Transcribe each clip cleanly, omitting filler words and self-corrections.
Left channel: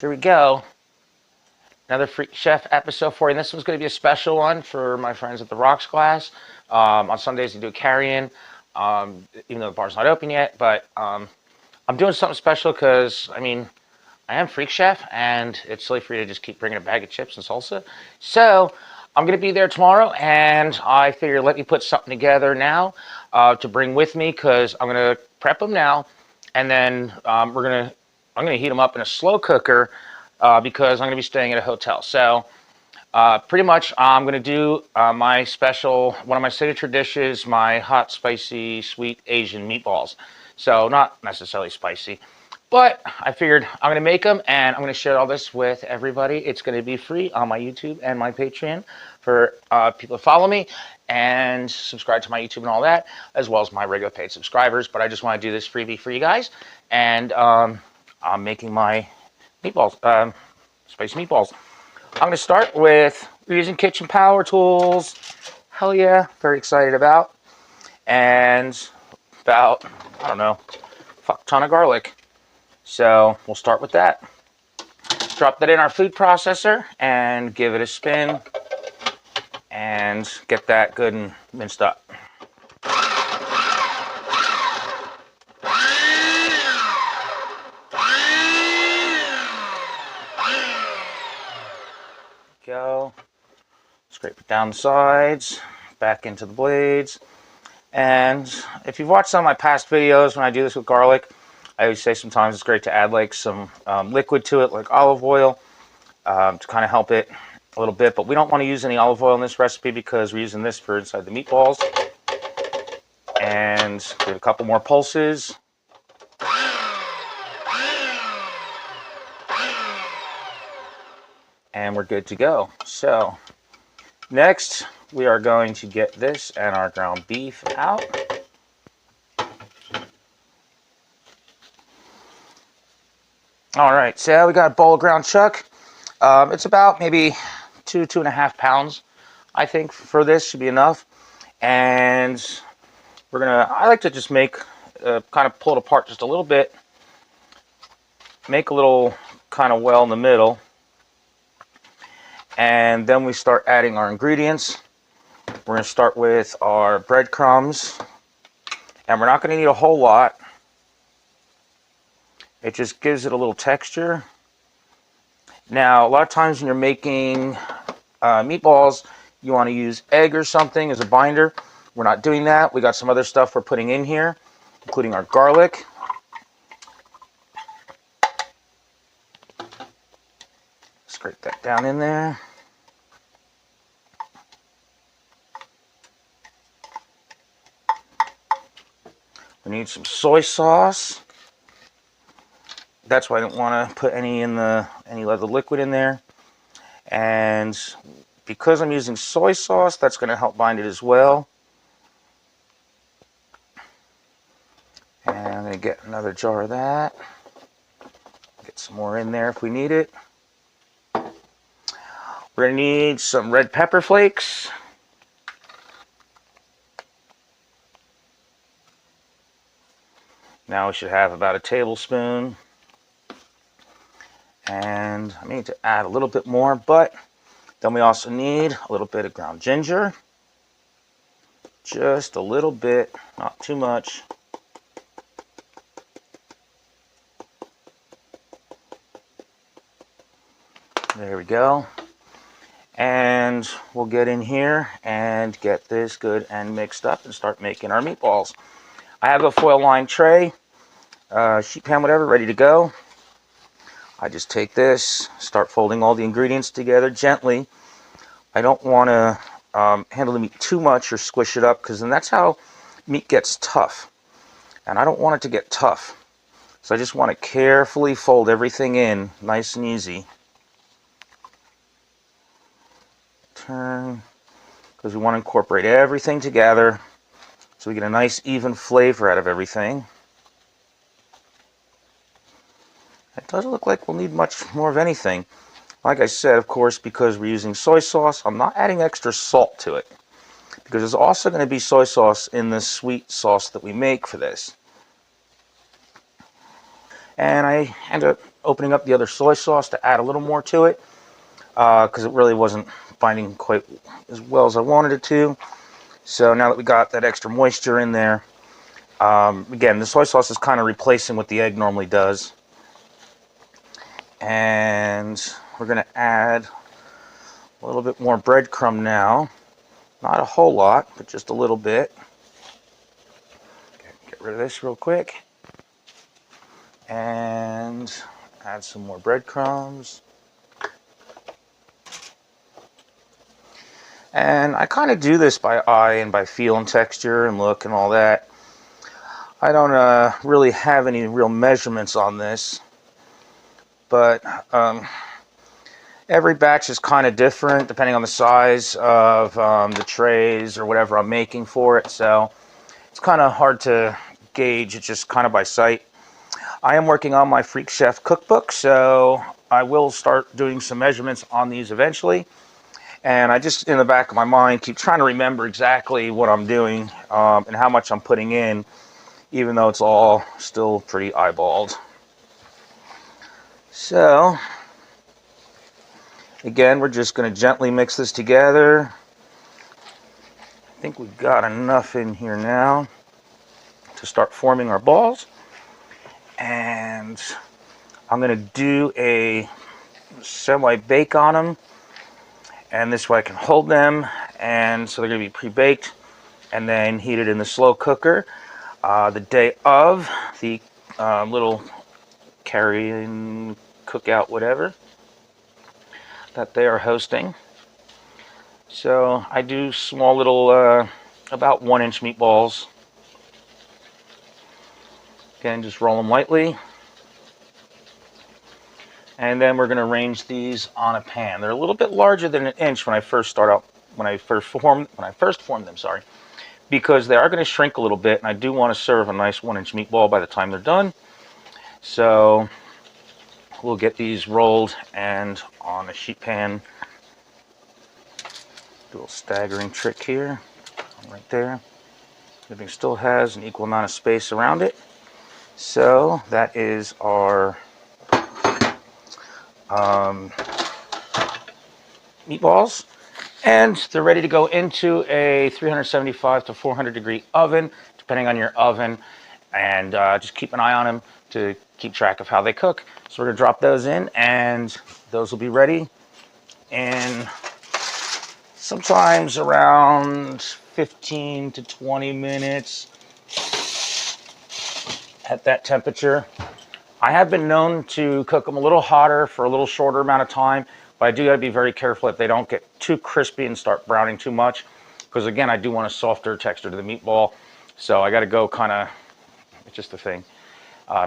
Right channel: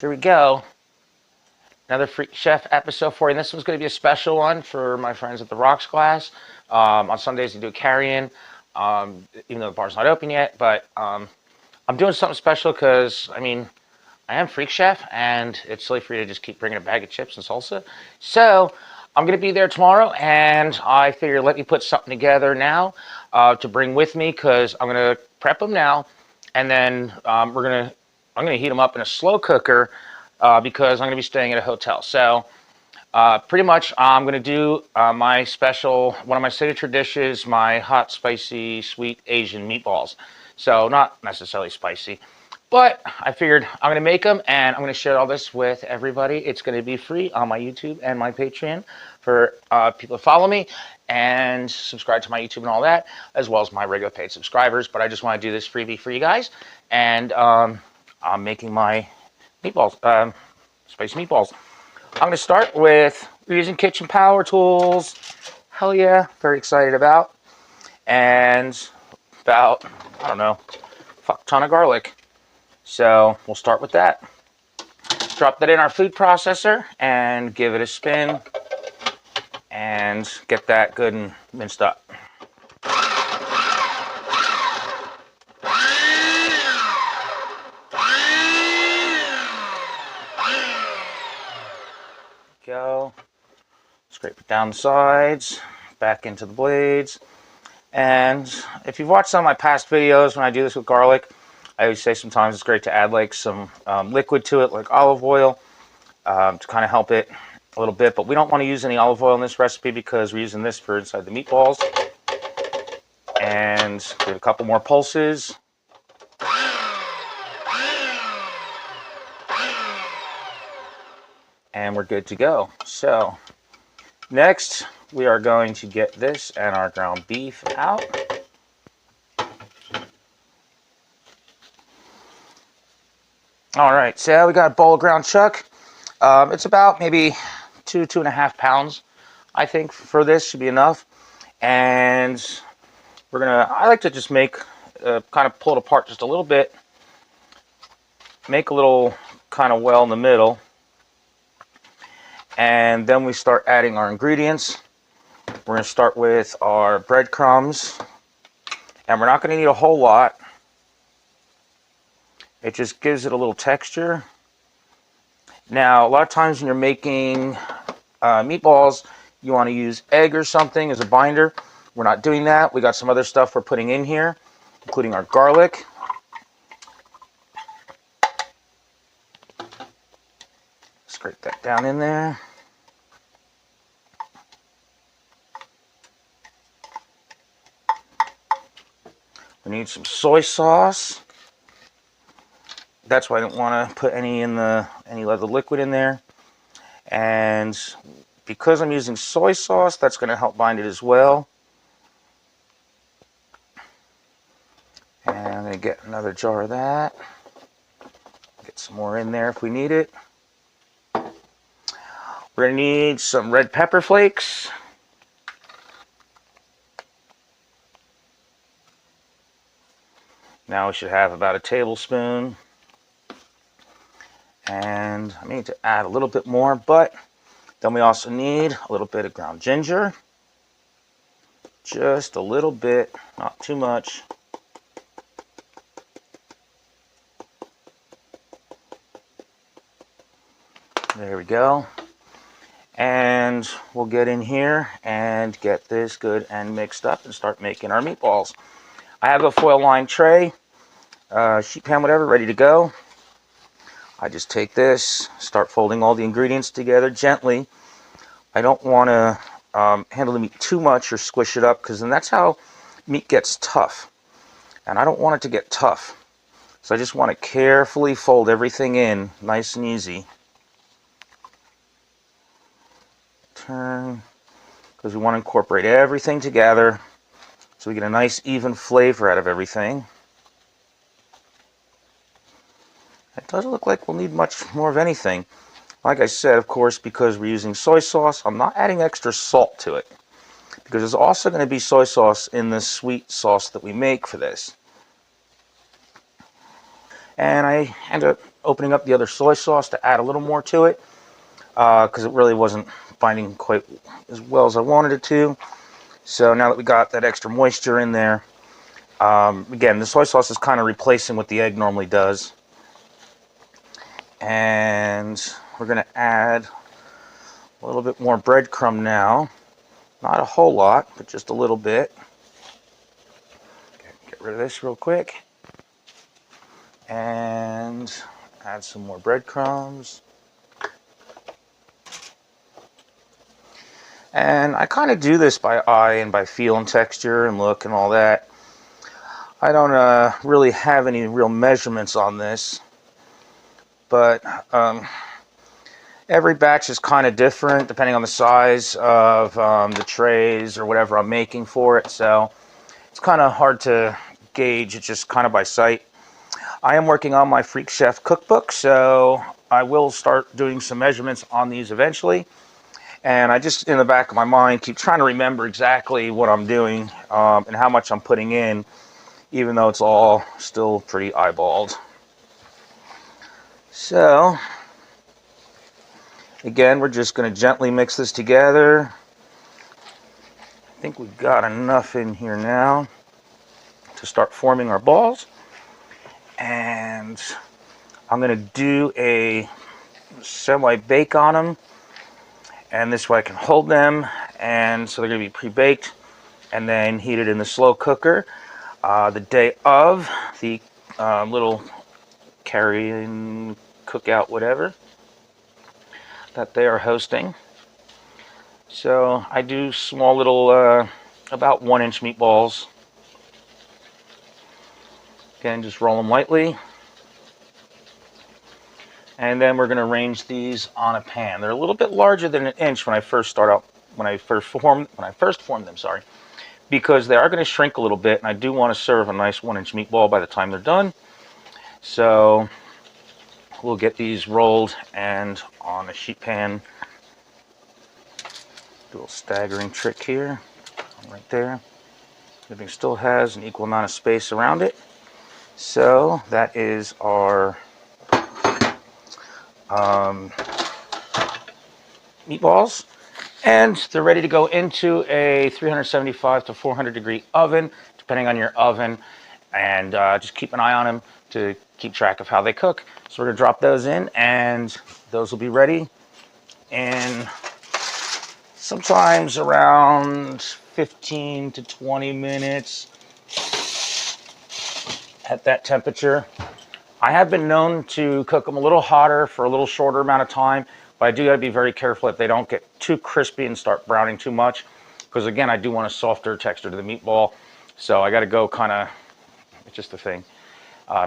Here we go. Another Freak Chef episode for you. And this one's going to be a special one for my friends at the Roxglass. On Sundays, they do a carry-in, even though the bar's not open yet. But I'm doing something special because, I am Freak Chef, and it's silly for you to just keep bringing a bag of chips and salsa. So I'm going to be there tomorrow, and I figure let me put something together now to bring with me because I'm going to prep them now, and then I'm going to heat them up in a slow cooker because I'm going to be staying at a hotel. So pretty much I'm going to do my special, one of my signature dishes, my hot, spicy, sweet Asian meatballs. So not necessarily spicy. But I figured I'm going to make them, and I'm going to share all this with everybody. It's going to be free on my YouTube and my Patreon for people to follow me and subscribe to my YouTube and all that, as well as my regular paid subscribers. But I just want to do this freebie for you guys. And I'm making my meatballs, spicy meatballs. I'm going to start with using kitchen power tools. Hell yeah, very excited about. And about, I don't know, fuck ton of garlic. So we'll start with that. Drop that in our food processor and give it a spin and get that good and minced up. Go. Scrape it down the sides, back into the blades. And if you've watched some of my past videos when I do this with garlic, I always say sometimes it's great to add like some liquid to it, like olive oil, to kind of help it a little bit. But we don't want to use any olive oil in this recipe because we're using this for inside the meatballs. And give it a couple more pulses. And we're good to go. So next we are going to get this and our ground beef out. All right, so we got a bowl of ground chuck. It's about maybe 2.5 pounds, I think, for this should be enough. And I like to just make, kind of pull it apart just a little bit, make a little kind of well in the middle. And then we start adding our ingredients. We're going to start with our breadcrumbs. And we're not going to need a whole lot. It just gives it a little texture. Now, a lot of times when you're making meatballs, you want to use egg or something as a binder. We're not doing that. We got some other stuff we're putting in here, including our garlic. Scrape that down in there. We need some soy sauce. That's why I don't want to put any other liquid in there. And because I'm using soy sauce, that's going to help bind it as well. And I'm going to get another jar of that. Get some more in there if we need it. We're going to need some red pepper flakes. Now we should have about a tablespoon. And I need to add a little bit more, but then we also need a little bit of ground ginger. Just a little bit, not too much. There we go. And we'll get in here and get this good and mixed up and start making our meatballs. I have a foil lined tray, sheet pan, whatever, ready to go. I just take this, start folding all the ingredients together gently. I don't want to handle the meat too much or squish it up, because then that's how meat gets tough. And I don't want it to get tough. So I just want to carefully fold everything in, nice and easy. Turn, because we want to incorporate everything together so we get a nice even flavor out of everything. It doesn't look like we'll need much more of anything. Like I said, of course, because we're using soy sauce, I'm not adding extra salt to it, because there's also going to be soy sauce in the sweet sauce that we make for this. And I end up opening up the other soy sauce to add a little more to it because it really wasn't binding quite as well as I wanted it to. So now that we got that extra moisture in there, again, the soy sauce is kind of replacing what the egg normally does. And we're going to add a little bit more breadcrumb now. Not a whole lot, but just a little bit. Okay, get rid of this real quick. And add some more breadcrumbs. And I kind of do this by eye and by feel and texture and look and all that. I don't really have any real measurements on this, but every batch is kind of different depending on the size of the trays or whatever I'm making for it, so it's kind of hard to gauge. It's just kind of by sight. I am working on my Freak Chef cookbook, so I will start doing some measurements on these eventually. And I just, in the back of my mind, keep trying to remember exactly what I'm doing and how much I'm putting in, even though it's all still pretty eyeballed. So, again, we're just going to gently mix this together. I think we've got enough in here now to start forming our balls. And I'm going to do a semi-bake on them. And this way I can hold them, and so they're going to be pre-baked and then heated in the slow cooker the day of the little carry-in, cookout, whatever that they are hosting. So I do small little, about 1-inch meatballs. Again, just roll them lightly. And then we're going to arrange these on a pan. They're a little bit larger than 1 inch when I first formed them, sorry, because they are going to shrink a little bit, and I do want to serve a nice 1-inch meatball by the time they're done. So we'll get these rolled and on a sheet pan. Do a little staggering trick here, right there. Everything still has an equal amount of space around it. So that is our meatballs, and they're ready to go into a 375 to 400 degree oven, depending on your oven, and just keep an eye on them to keep track of how they cook. So we're going to drop those in, and those will be ready in sometimes around 15 to 20 minutes at that temperature. I have been known to cook them a little hotter for a little shorter amount of time, but I do got to be very careful that they don't get too crispy and start browning too much, because again, I do want a softer texture to the meatball. So I got to go kind of, it's just a thing,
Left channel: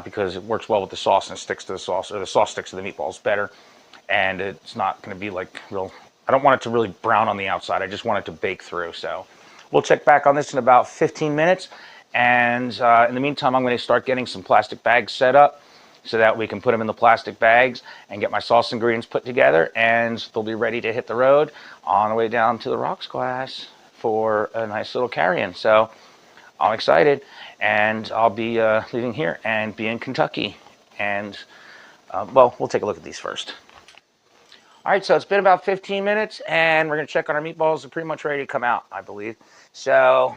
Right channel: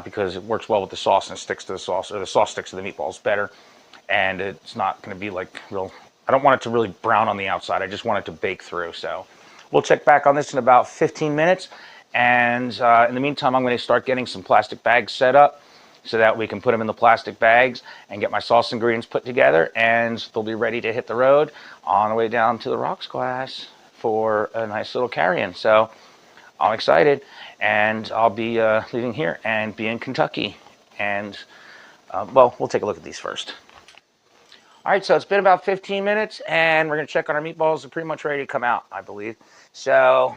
because it works well with the sauce and it sticks to the sauce, or the sauce sticks to the meatballs better, and it's not going to be like real, I don't want it to really brown on the outside. I just want it to bake through. So we'll check back on this in about 15 minutes. And in the meantime, I'm going to start getting some plastic bags set up, so that we can put them in the plastic bags and get my sauce ingredients put together, and they'll be ready to hit the road on the way down to the Roxglass for a nice little carry-in. So I'm excited, and I'll be leaving here and be in Kentucky. And well, we'll take a look at these first. All right, so it's been about 15 minutes, and we're going to check on our meatballs. They're pretty much ready to come out, I believe. So,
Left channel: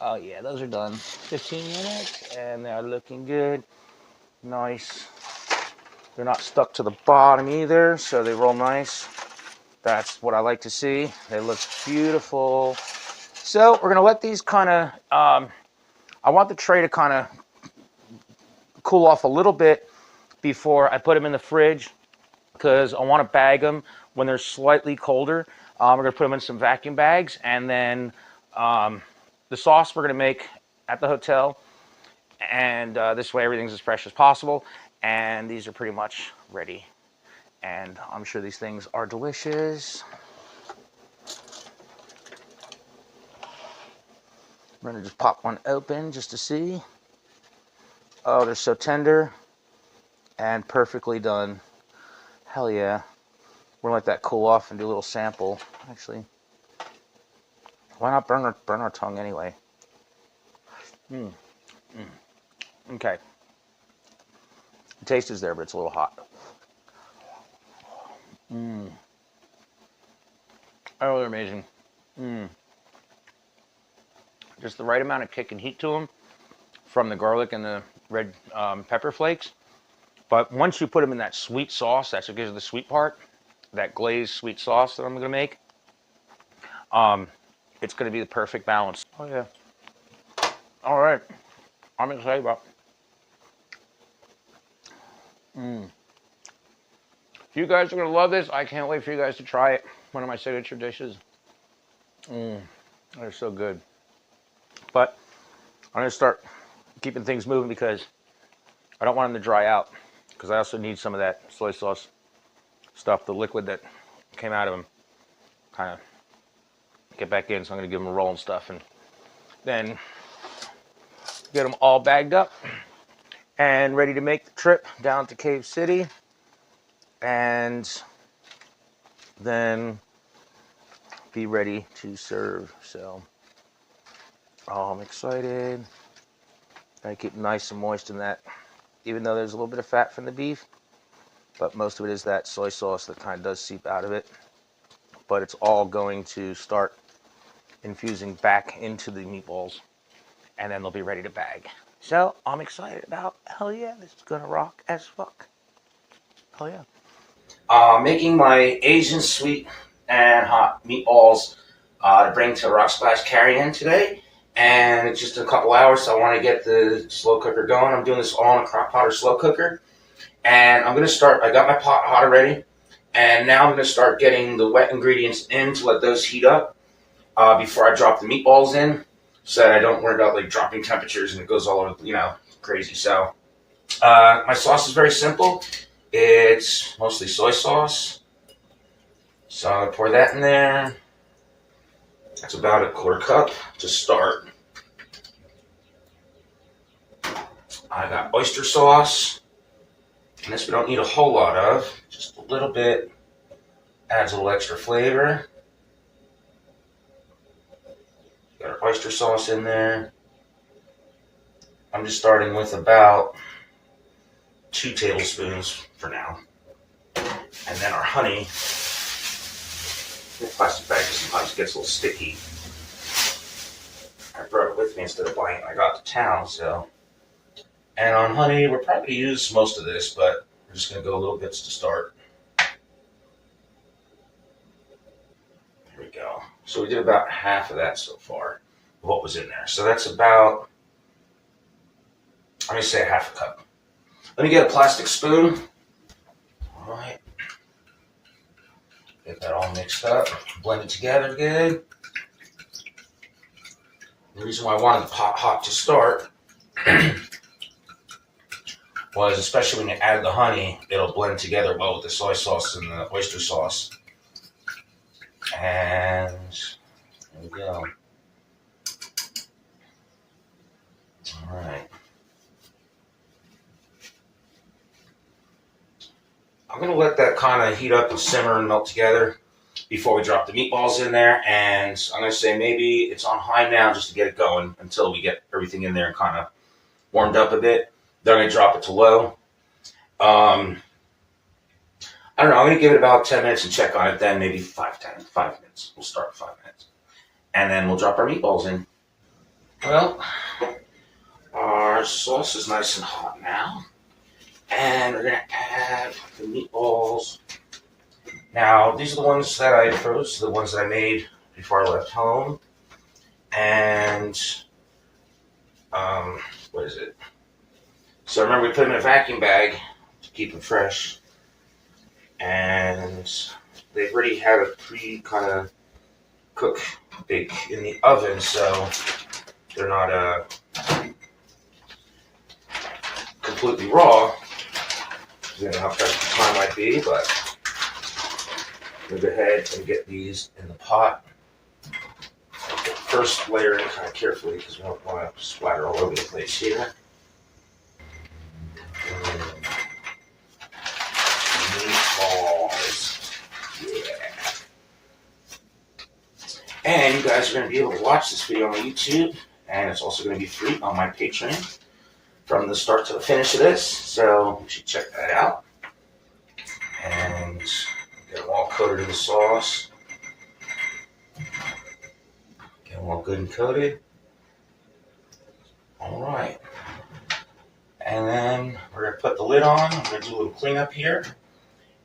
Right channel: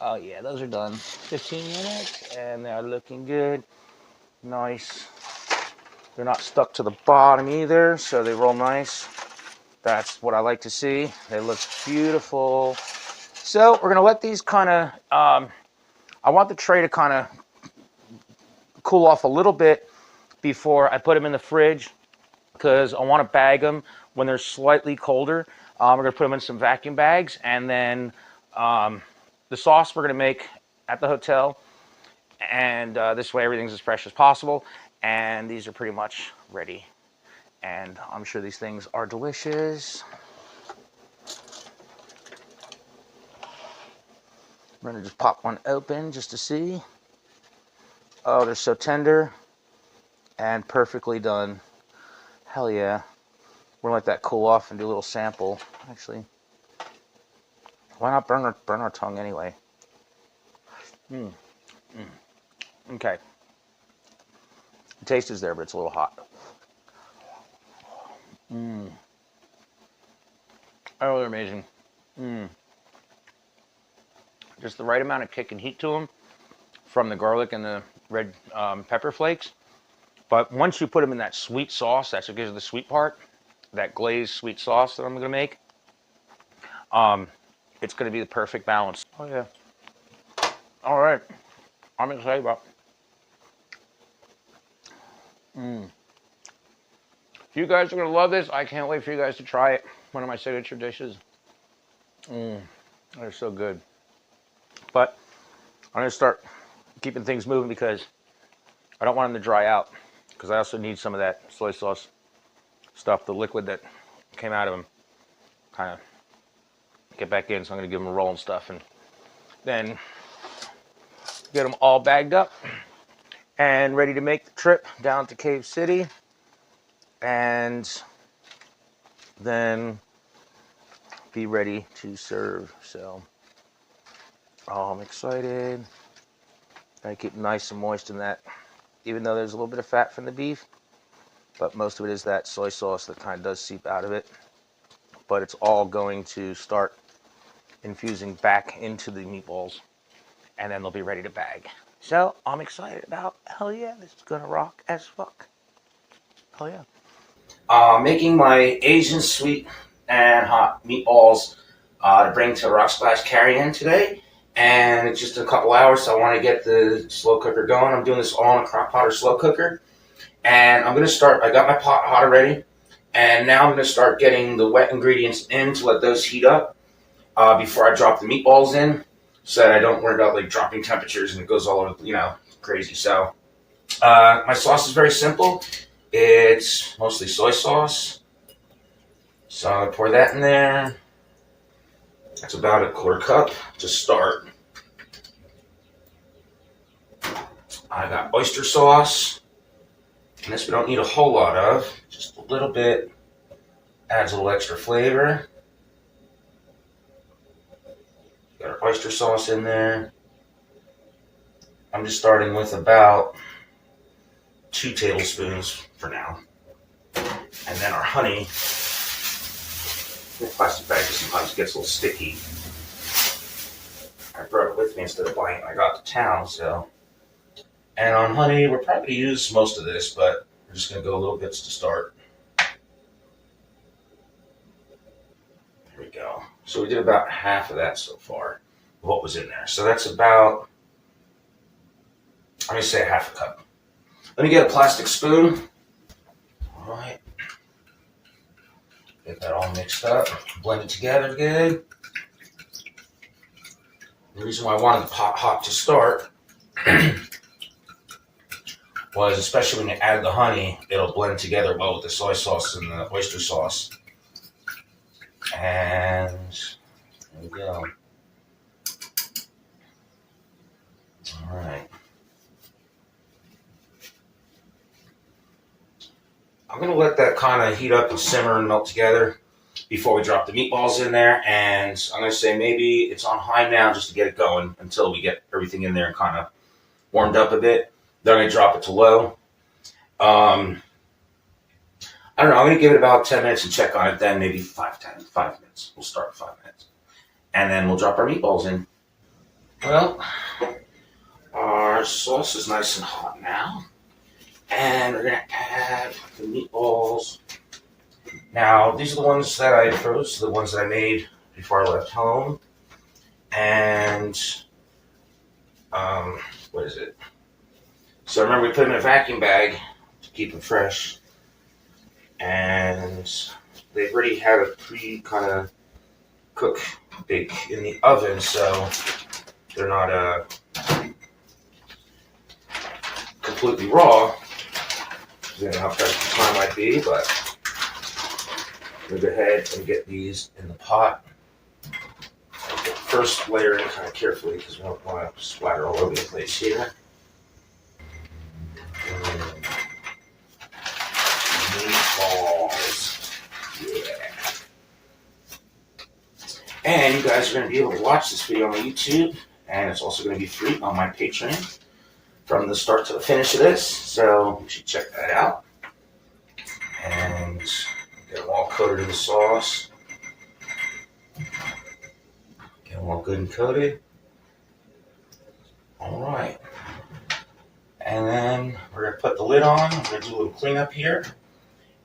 oh yeah, those are done. 15 minutes, and they're looking good. Nice. They're not stuck to the bottom either, so they roll nice. That's what I like to see. They look beautiful. So we're going to let these kind of, I want the tray to kind of cool off a little bit before I put them in the fridge, because I want to bag them when they're slightly colder. We're going to put them in some vacuum bags, and then the sauce we're going to make at the hotel, and this way everything's as fresh as possible. And these are pretty much ready, and I'm sure these things are delicious. I'm going to just pop one open just to see. Oh, they're so tender and perfectly done. Hell yeah. We're going to let that cool off and do a little sample. Actually, why not burn our tongue anyway? Okay. The taste is there, but it's a little hot. Oh, they're amazing. Just the right amount of kick and heat to them from the garlic and the red pepper flakes. But once you put them in that sweet sauce, that's what gives it the sweet part, that glazed sweet sauce that I'm going to make, it's going to be the perfect balance. Oh, yeah. All right. I'm excited about it. You guys are going to love this. I can't wait for you guys to try it. One of my signature dishes. They're so good. But I'm going to start keeping things moving because I don't want them to dry out. Because I also need some of that soy sauce stuff, the liquid that came out of them, kind of get back in. So I'm going to give them a roll and stuff, and then get them all bagged up and ready to make the trip down to Cave City, and then be ready to serve. So, oh, I'm excited. I keep nice and moist in that, even though there's a little bit of fat from the beef, but most of it is that soy sauce that kind of does seep out of it. But it's all going to start infusing back into the meatballs, and then they'll be ready to bag. So I'm excited about, hell yeah, this is gonna rock as fuck. Hell yeah. Making my Asian sweet and hot meatballs to bring to the Roxglass carry-in today. And it's just a couple hours, so I want to get the slow cooker going. I'm doing this all in a crock pot or slow cooker. And I'm going to start, I got my pot hot already. And now I'm going to start getting the wet ingredients in to let those heat up before I drop the meatballs in. So that I don't worry about like dropping temperatures and it goes all over, crazy. So my sauce is very simple. It's mostly soy sauce. So I pour that in there. That's about a quarter cup to start. I got oyster sauce. And this we don't need a whole lot of. Just a little bit. Adds a little extra flavor. Got our oyster sauce in there. I'm just starting with about 2 tablespoons for now. And then our honey. The plastic bag sometimes gets a little sticky. I brought it with me instead of buying it when I got to town, so. And on honey, we're probably going to use most of this, but we're just going to go little bits to start. There we go. So we did about half of that so far, of what was in there. So that's about, I'm going to say half a cup. Let me get a plastic spoon. All right. Get that all mixed up, blend it together good. The reason why I wanted the pot hot to start was, especially when you add the honey, it'll blend together well with the soy sauce and the oyster sauce. And there we go. All right. I'm going to let that kind of heat up and simmer and melt together before we drop the meatballs in there. And I'm going to say maybe it's on high now just to get it going until we get everything in there and kind of warmed up a bit. Then I'm going to drop it to low. I don't know. I'm going to give it about 10 minutes and check on it then, maybe 5 minutes. We'll start with 5 minutes. And then we'll drop our meatballs in. Well, our sauce is nice and hot now. And we're going to add the meatballs. Now, these are the ones that I froze, the ones that I made before I left home. And, what is it? So remember, we put them in a vacuum bag to keep them fresh. And they've already had a kind of cook bake in the oven, so they're not completely raw. I don't know how fresh the time might be, but we'll go ahead and get these in the pot. First layer in kind of carefully because we don't want to splatter all over the place here. Meatballs. Yeah. And you guys are going to be able to watch this video on YouTube, and it's also going to be free on my Patreon. from the start to the finish of this, so you should check that out. And get them all coated in the sauce. Get them all good and coated. Alright. And then we're going to put the lid on. We're going to do a little cleanup here.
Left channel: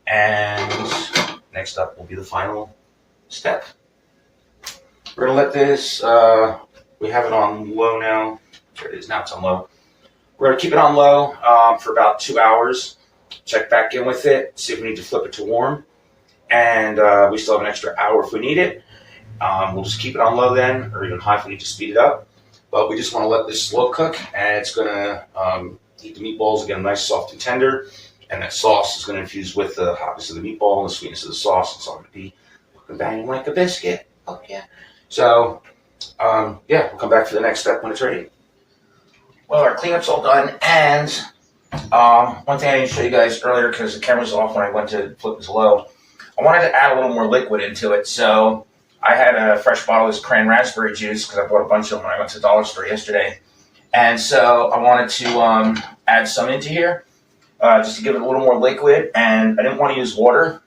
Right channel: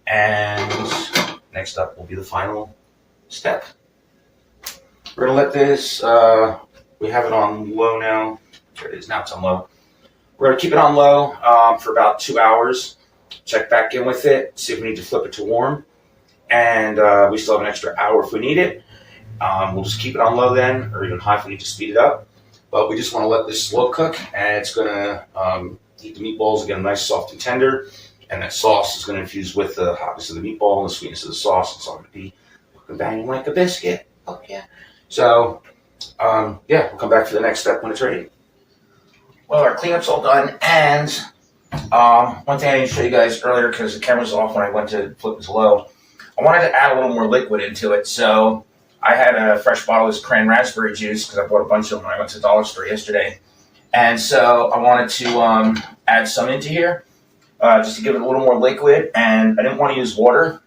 And next up will be the final step. We're going to let this, we have it on low now. There it is, now it's on low. We're going to keep it on low for about 2 hours. Check back in with it, see if we need to flip it to warm. And we still have an extra hour if we need it. We'll just keep it on low then, or even high if we need to speed it up. But we just want to let this slow cook, and it's going to heat the meatballs, get them nice, soft, and tender. And that sauce is going to infuse with the hotness of the meatball and the sweetness of the sauce. It's all going to be looking banging like a biscuit. Oh, yeah. So, yeah, we'll come back for the next step when it's ready. Well, our cleanup's all done, and one thing I need to show you guys earlier, because the camera was off when I went to flip this low, I wanted to add a little more liquid into it. So I had a fresh bottle of this cran raspberry juice, because I bought a bunch of them when I went to the dollar store yesterday. And so I wanted to add some into here, just to give it a little more liquid. And I didn't want to use water,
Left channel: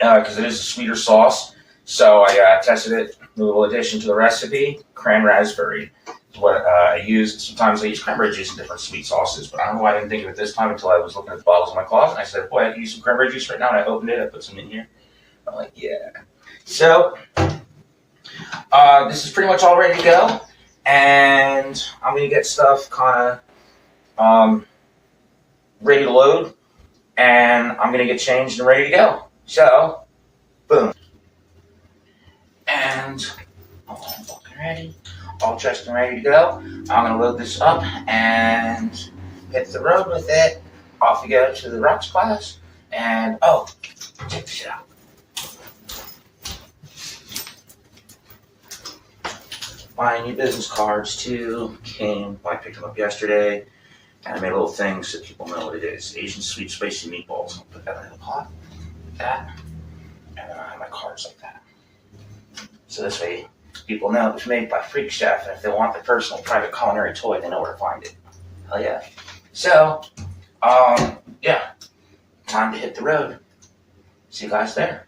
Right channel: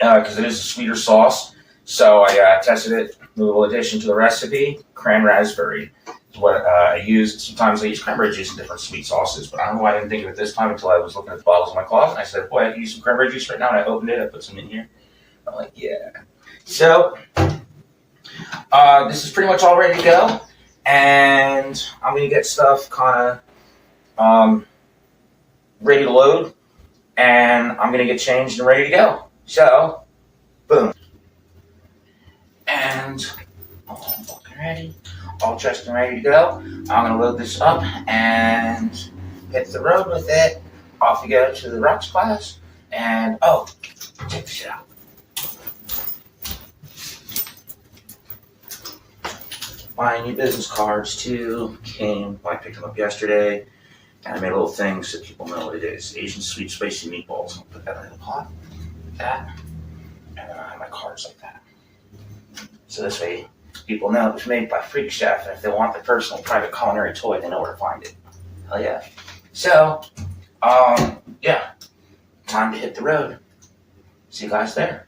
because it is a sweeter sauce. So I tested it, a little addition to the recipe, cran raspberry is what I used. Sometimes I use cranberry juice in different sweet sauces, but I don't know why I didn't think of it this time until I was looking at the bottles in my closet. And I said, boy, I can use some cranberry juice right now. And I opened it, I put some in here. I'm like, yeah. So this is pretty much all ready to go. And I'm going to get stuff kind of ready to load. And I'm going to get changed and ready to go. So, boom. And all fucking ready. All dressed and ready to go. I'm going to load this up and hit the road with it. Off we go to the Roxglass. And, oh, check this out. My new business cards too came. I picked them up yesterday. And I made a little thing so people know what it is. Asian sweet spicy meatballs. I'll put that in the pot. Like that. And then I have my cards like that. So this way, people know it was made by Freak Chef. And if they want their personal private culinary toy, they know where to find it. Hell yeah. So, yeah. Time to hit the road. See you guys there.